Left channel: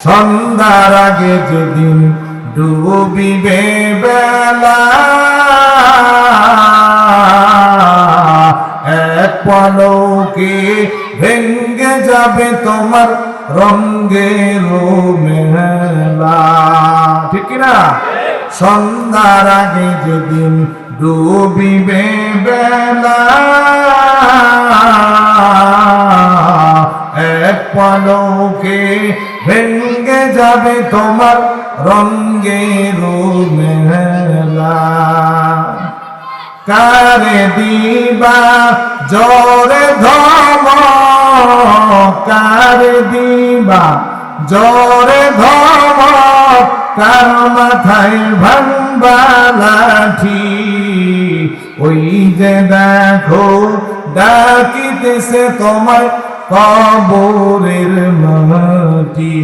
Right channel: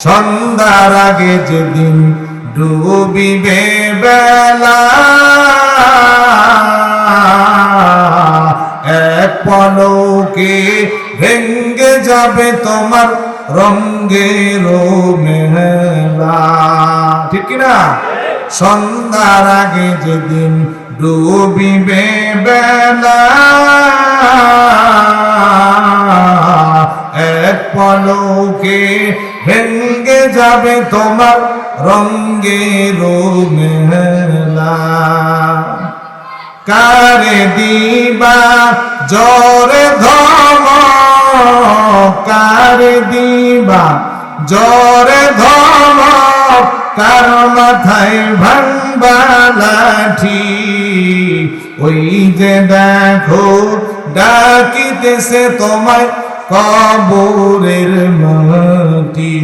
সন্ধ্যার আগে যেদিন ডুবিবে বেলা, এক পলকে ভেঙ্গে যাবে তোমার রঙ্গের মেলা। ঠিক কিনা? সন্ধ্যার আগে যেদিন ডুবিবে বেলা, এক পলকে ভেঙ্গে যাবে তোমার রঙ্গের মেলা। কারে দিবা জরে ধমক, কারে দিবা জরে ধমক, কার মাথায় ভাঙবা লাঠি। ওই যে দেখো ডাকিতেছে তোমায় কবরের মাটি।